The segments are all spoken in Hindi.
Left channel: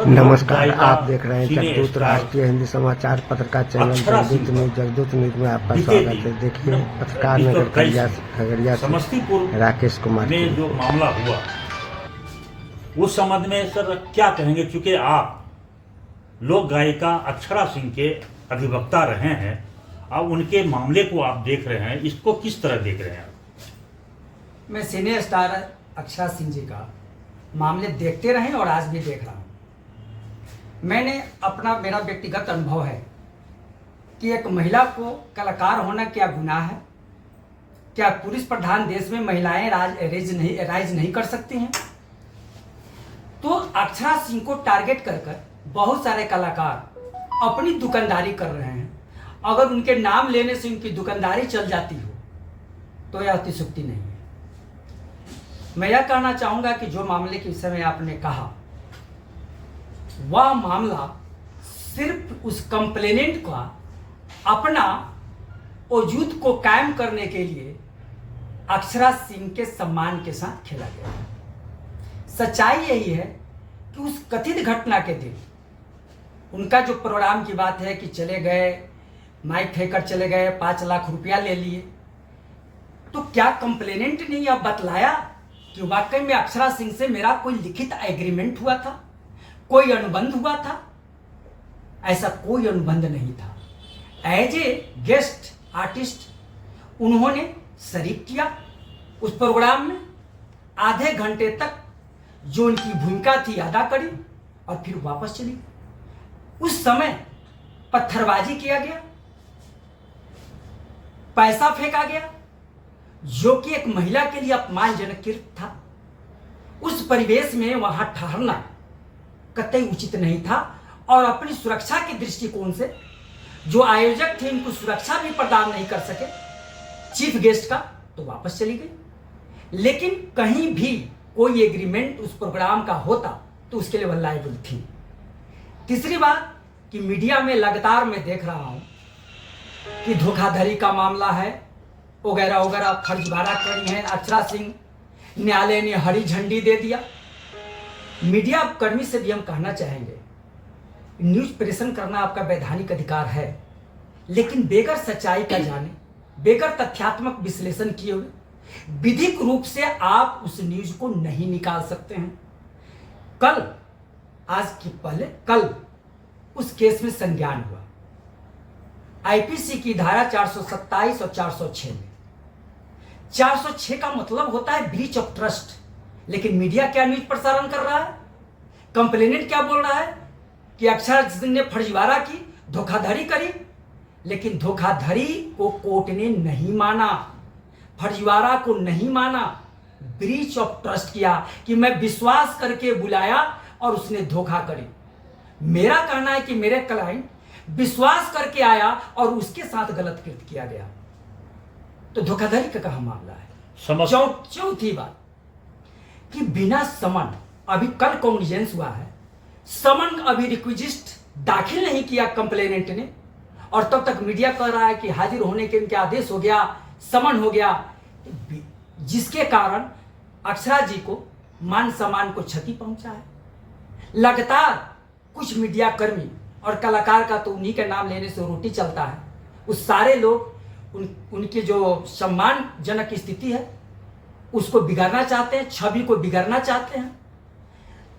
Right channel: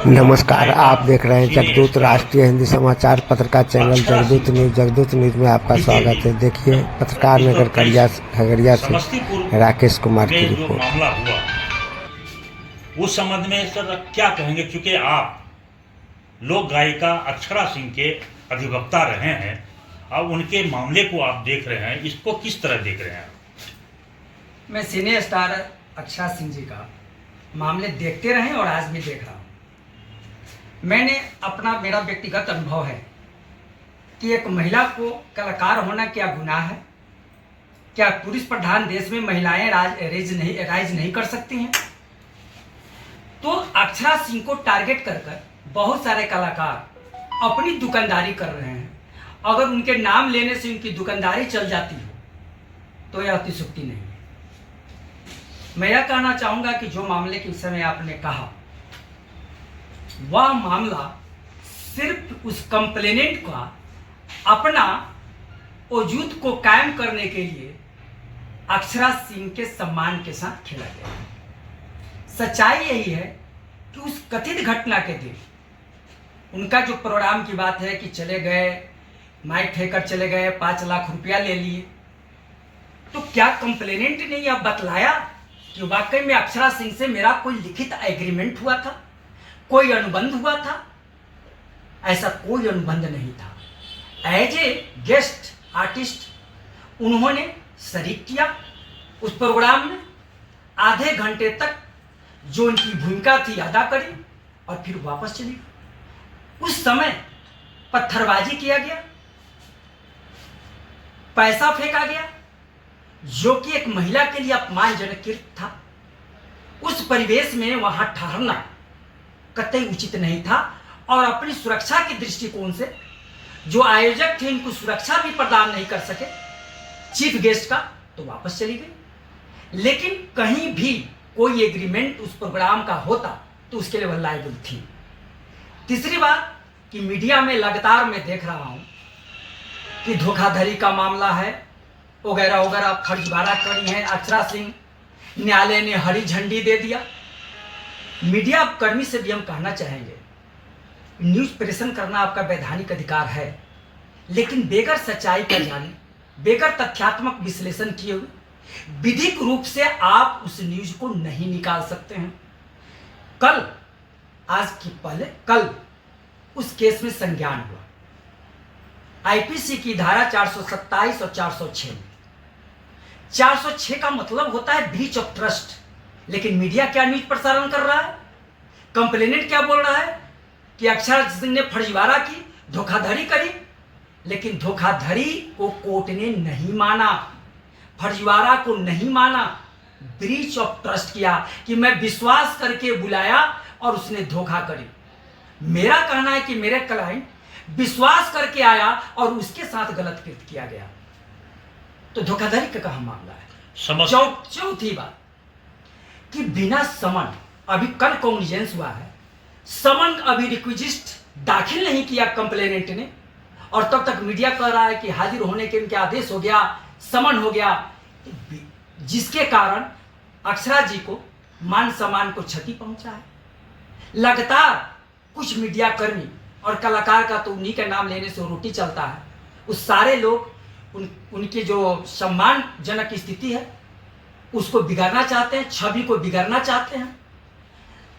नमस्कार, आप देख रहे हैं जगदूत राष्ट्रीय हिंदी समाचार पत्रकार चैनल जगदूत न्यूज में आपका स्वागत है। देखिए पत्रकार नगर खगड़िया से राकेश कुमार की जो रिपोर्ट। मामला हुआ उस संबंध में सर क्या कहेंगे, क्योंकि आप लोक गायिका अक्षरा सिंह के अधिवक्ता रहे हैं, अब उनके मामले को आप देख रहे हैं, इसको किस तरह देख रहे हैं? मैं सिने स्टार अक्षरा सिंह जी का मामले देखते रहे और आज भी देख रहा हूँ। मेरा व्यक्तिगत अनुभव है कि एक महिला को कलाकार होना क्या गुनाह है? क्या पुरुष प्रधान देश में महिलाएं राज नहीं कर सकती हैं? तो अक्षरा सिंह को टारगेट कर बहुत सारे कलाकार अपनी दुकानदारी कर रहे हैं। अगर उनके नाम लेने से उनकी दुकानदारी चल जाती हो तो यह अतिशयोक्ति नहीं है। मैं यह कहना चाहूंगा कि जो मामले के समय आपने कहा, वह मामला सिर्फ उस कंप्लेनेंट का अपना वजूद को कायम करने के लिए अक्षरा सिंह के सम्मान के साथ खेला गया। सच्चाई यही है कि उस कथित घटना के दिन उनका जो प्रोग्राम की बात है कि चले गए, माइक ठेकर चले गए, 5 लाख रुपया ले लिए, तो क्या कंप्लेनेंट ने यह बतलाया कि वाकई में अक्षरा सिंह से मेरा कोई लिखित एग्रीमेंट हुआ था, कोई अनुबंध हुआ था? ऐसा कोई अनुबंध नहीं था। एज ए गेस्ट आर्टिस्ट उन्होंने शरीक किया उस प्रोग्राम में, आधे घंटे तक जो उनकी भूमिका थी अदा करी और फिर वापस चली। उस समय पत्थरबाजी किया गया, पैसा फेंका गया, जो कि एक महिला के लिए अपमानजनक कृत्य था। उस परिवेश में वहां ठहरना कतई उचित नहीं था और अपनी सुरक्षा के दृष्टिकोण से जो आयोजक थे उनको सुरक्षा भी प्रदान नहीं कर सके चीफ गेस्ट का, तो वापस चली गई। लेकिन कहीं भी कोई एग्रीमेंट उस प्रोग्राम का होता तो उसके लिए वह लायबल थी। तीसरी बात कि मीडिया में लगातार मैं देख रहा हूं कि धोखाधड़ी का मामला है, वगैरह वगैरह फर्जीवाड़ा करी है अक्षरा सिंह, न्यायालय ने हरी झंडी दे दिया। मीडिया कर्मी से भी हम कहना चाहेंगे, न्यूज प्रेषण करना आपका वैधानिक अधिकार है, लेकिन बेगर सच्चाई का जाने, बेगर तथ्यात्मक विश्लेषण किए हुए विधिक रूप से आप उस न्यूज को नहीं निकाल सकते हैं। कल, आज की पहले कल उस केस में संज्ञान हुआ आईपीसी की धारा 427 और 406 में। 406 का मतलब होता है ब्रीच ऑफ ट्रस्ट, लेकिन मीडिया क्या न्यूज प्रसारण कर रहा है? कंप्लेनेंट क्या बोल रहा है कि अक्षरा सिंह ने फर्जीवाड़ा की, धोखाधड़ी करी, लेकिन धोखाधड़ी को कोर्ट ने नहीं माना, फर्जीवाड़ा को नहीं माना, ब्रीच ऑफ ट्रस्ट किया कि मैं विश्वास करके बुलाया और उसने धोखा करी। मेरा कहना है कि मेरे क्लाइंट विश्वास करके आया और उसके साथ गलत कृत्य किया गया, तो धोखाधड़ी का कहां मामला है? चौथी बात कि बिना समन, अभी कल कॉग्निजेंस हुआ है, समन अभी रिक्विजिस्ट दाखिल नहीं किया कंप्लेनेंट ने, और तब तक मीडिया कह रहा है कि हाजिर होने के उनके आदेश हो गया, समन हो गया, जिसके कारण अक्षरा जी को मान सम्मान को क्षति पहुंचा है। लगातार कुछ मीडिया कर्मी और कलाकार का तो उन्हीं के नाम लेने से रोटी चलता है, उस सारे लोग उनकी जो सम्मानजनक स्थिति है उसको बिगाड़ना चाहते हैं, छवि को बिगाड़ना चाहते हैं।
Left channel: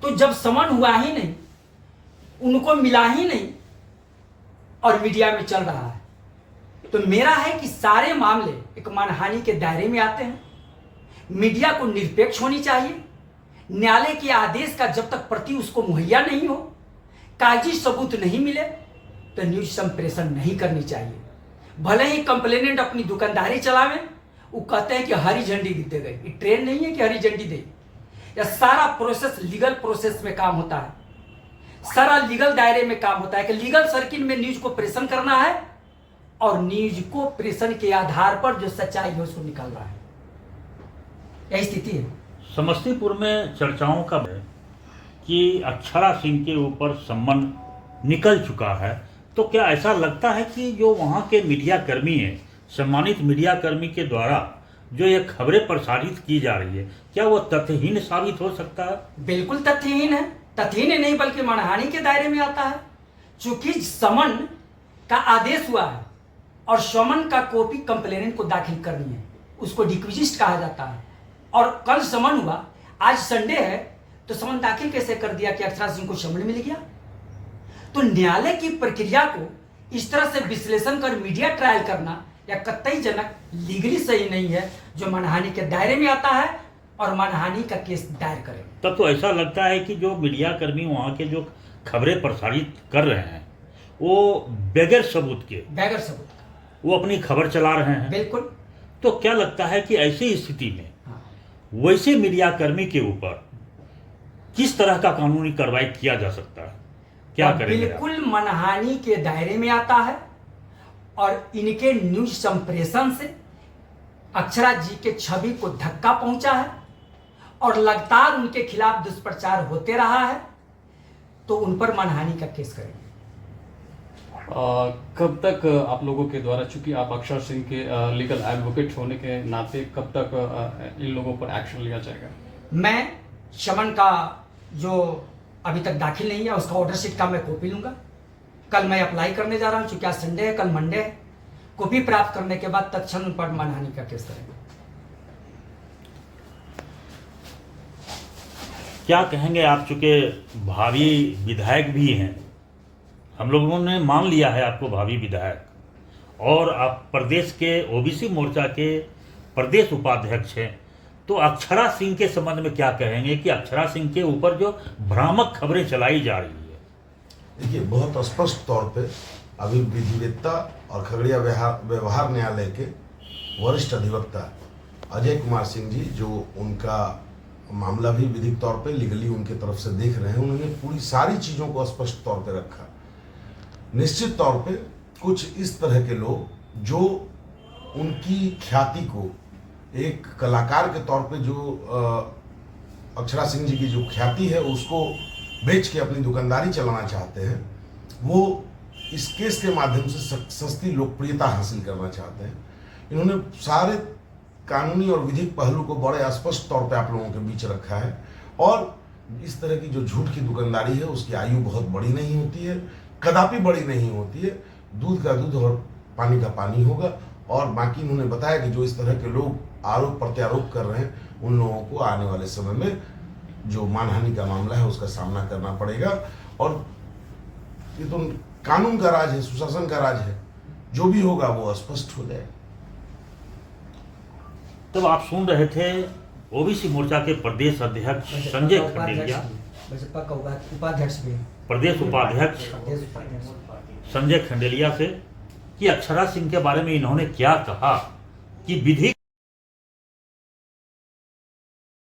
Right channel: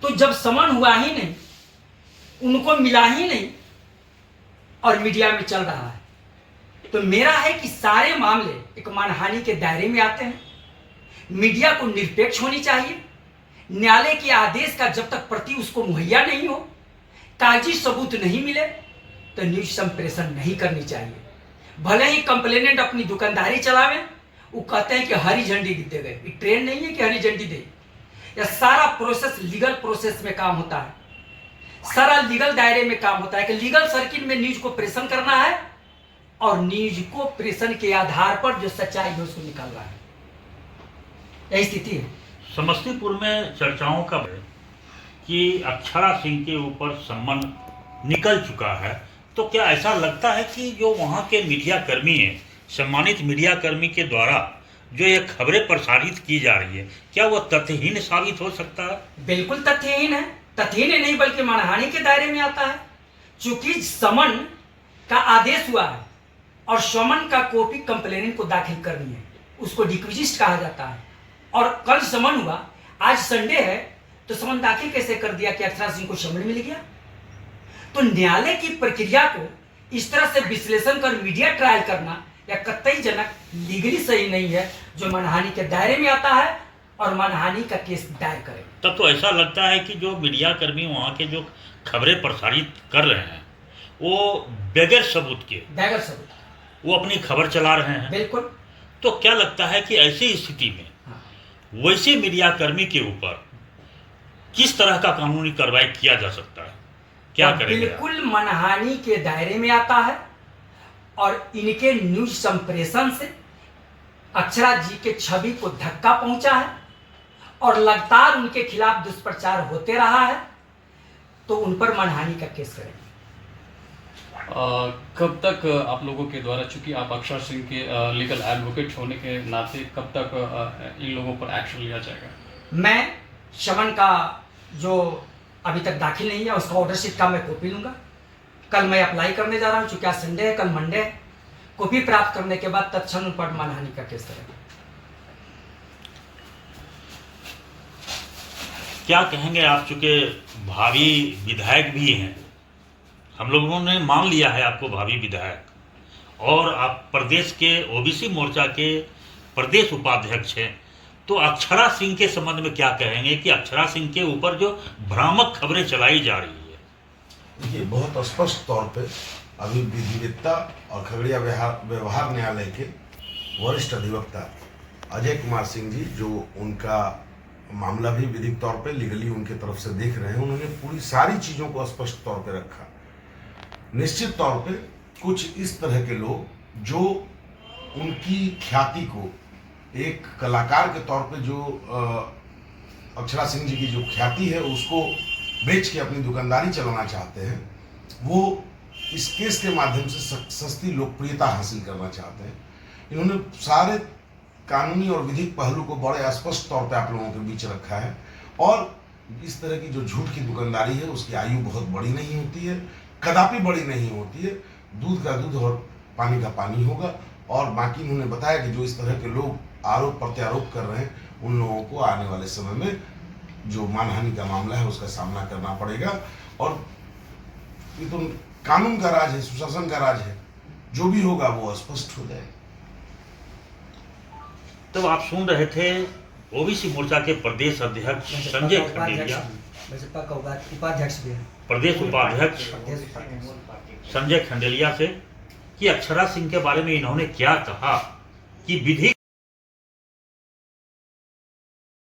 तो जब समन हुआ ही नहीं, उनको मिला ही नहीं और मीडिया में चल रहा है, तो मेरा है कि सारे मामले एक मानहानि के दायरे में आते हैं। मीडिया को निरपेक्ष होनी चाहिए। न्यायालय के आदेश का जब तक प्रति उसको मुहैया नहीं हो, कागजी सबूत नहीं मिले, तो न्यूज संप्रेषण नहीं करनी चाहिए। भले ही कंप्लेनेंट अपनी दुकानदारी चलावे, वो कहते हैं कि हरी झंडी दे गए, ट्रेन नहीं है कि हरी झंडी दे। यह सारा प्रोसेस लीगल प्रोसेस में काम होता है, सारा लीगल दायरे में काम होता है कि लीगल सर्किट में न्यूज को प्रेषण करना है और न्यूज को प्रेषण के आधार पर जो सच्चाई है उसको निकालना है। यही स्थिति है। समस्तीपुर में चर्चाओं का है कि अक्षरा सिंह के ऊपर सम्मन निकल चुका है, तो क्या ऐसा लगता है कि जो वहाँ के मीडिया कर्मी हैं, सम्मानित मीडिया कर्मी के द्वारा जो ये खबरें प्रसारित की जा रही है, क्या वो तथ्यहीन साबित हो सकता है? बिल्कुल तथ्यहीन है। तथ्य नहीं बल्कि मानहानि के दायरे में आता है। चूंकि समन का आदेश हुआ है और समन का कॉपी कंप्लेनेंट को दाखिल करनी है, उसको डिक्विजिस्ट कहा जाता है। और कल समन हुआ, आज संडे है, तो समन दाखिल कैसे कर दिया कि अक्षरा सिंह को समन मिल गया? तो न्यायालय की प्रक्रिया को इस तरह से विश्लेषण कर मीडिया ट्रायल करना या कतई जनक लीगली सही नहीं है, जो मानहानि के दायरे में आता है और मानहानि का केस दायर करे। तब तो ऐसा लगता है कि जो मीडिया कर्मी वहाँ के जो खबरें प्रसारित कर रहे हैं वो बगैर सबूत वो अपनी खबर चला रहे हैं। बिल्कुल। तो क्या लगता है कि ऐसी स्थिति में हाँ। वैसे मीडिया कर्मी के ऊपर किस तरह का कानूनी कार्रवाई किया जा सकता है? क्या करेंगे? बिल्कुल मानहानि के दायरे में आता है और इनके न्यूज संप्रेषण से अक्षरा जी के छवि को धक्का पहुंचा है और लगातार उनके खिलाफ दुष्प्रचार होते रहा है, तो उन पर मानहानि का केस करेंगे। कब तक आप लोगों के द्वारा, चूंकि आप अक्षरा सिंह के लीगल एडवोकेट होने के नाते, कब तक इन लोगों पर एक्शन लिया जाएगा? मैं समन का जो अभी तक दाखिल नहीं है उसका ऑर्डर शीट का मैं कॉपी लूंगा। कल मैं अप्लाई करने जा रहा हूं, चूंकि आज संडे है, कल मंडे है। कॉपी प्राप्त करने के बाद तत्क्षण उन पर मानहानि का केस करेंगे। क्या कहेंगे आप, चूंकि भावी विधायक भी हैं, हम लोगों ने मान लिया है आपको भावी विधायक, और आप प्रदेश के ओबीसी मोर्चा के प्रदेश उपाध्यक्ष हैं, तो अक्षरा सिंह के संबंध में क्या कहेंगे कि अक्षरा सिंह के ऊपर जो भ्रामक खबरें चलाई जा रही है? देखिए, बहुत स्पष्ट तौर पे अभी विधिवेत्ता और खगड़िया व्यवहार न्यायालय के वरिष्ठ अधिवक्ता अजय कुमार सिंह जी, जो उनका मामला भी विधिक तौर पे लीगली उनके तरफ से देख रहे हैं, उन्होंने पूरी सारी चीज़ों को स्पष्ट तौर पे रखा। निश्चित तौर पे कुछ इस तरह के लोग जो उनकी ख्याति को एक कलाकार के तौर पे, जो अक्षरा सिंह जी की जो ख्याति है उसको बेच के अपनी दुकानदारी चलाना चाहते हैं, वो इस केस के माध्यम से सस्ती लोकप्रियता हासिल करना चाहते हैं। इन्होंने सारे कानूनी और विधिक पहलू को बड़े स्पष्ट तौर पे आप लोगों के बीच रखा है। और इस तरह की जो झूठ की दुकानदारी है उसकी आयु बहुत बड़ी नहीं होती है, कदापि बड़ी नहीं होती है। दूध का दूध और पानी का पानी होगा। और बाकी इन्होंने बताया कि जो इस तरह के लोग आरोप प्रत्यारोप कर रहे हैं, उन लोगों को आने वाले समय में जो मानहानि का मामला है उसका सामना करना पड़ेगा। और ये तो कानून का राज है, सुशासन का राज है, जो भी होगा वो स्पष्ट हो जाए। तो आप सुन रहे थे ओबीसी मोर्चा के प्रदेश अध्यक्ष संजय खंडेलिया, उपाध्यक्ष भी हैं, प्रदेश उपाध्यक्ष संजय खंडेलिया से कि अक्षरा सिंह के बारे में इन्होंने क्या कहा कि विधि